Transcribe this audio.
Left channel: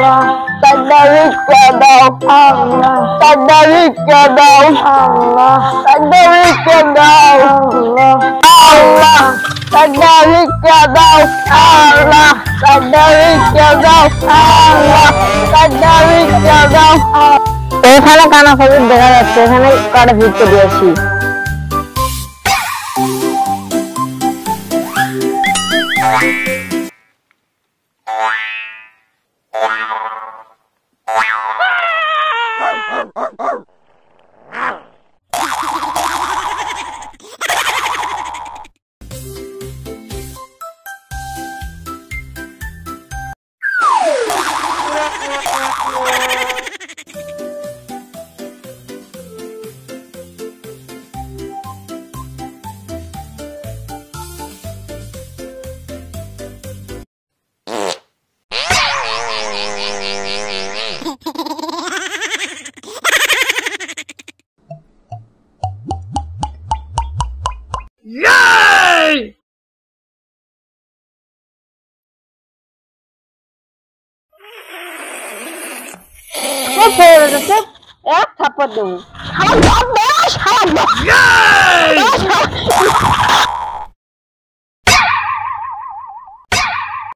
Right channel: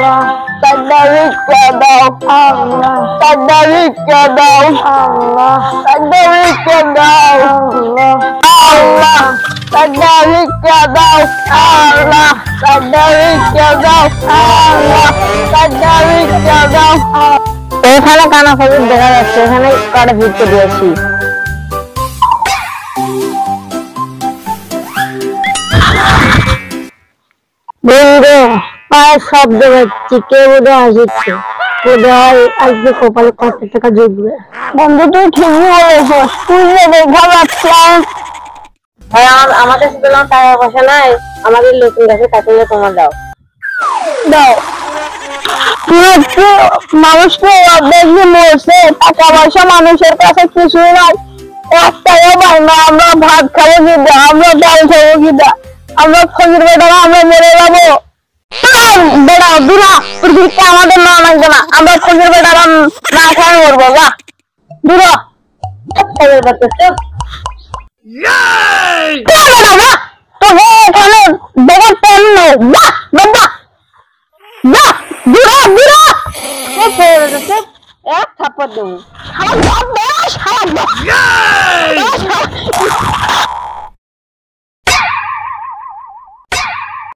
Allah, এখানে কানা খবর দেখা যাচ্ছে, এখানে কাটা ভিড়তে দিয়েছি। বন্ধু পায়ের শব্দ পাচ্ছি, কে বোধহয় আসছে, বোধহয় আজকে কপালে কত টাকা জুটবে। বন্ধু তুই ঠিকই বলেছ, তুই যে দেখা যাচ্ছে। আমাদের টাকা পয়সা নাই, আমাদের লোকের কাছে টাকা তোমার দাও দাও। মানুষকে দেখবি মরছে, টাকা পয়সা মানুষের কাছে কিছুই নাই, একটাও পাই না। আমরা ভাত খাবো কিনা, আমরা ডাল খাবো কিনা, আমরা খোঁজের বেটারা আমরা মেরে যাবো। বেড়াও দূরা, পৃথিবীতে আমাদের না লাগবে না, আমরা খোঁজের বেটারা না খাই মরবো। যা দূরা, খোঁজের বেটা তোকে এখানে দেখার টাইম নেই। এক থাপ্পড় দেবো।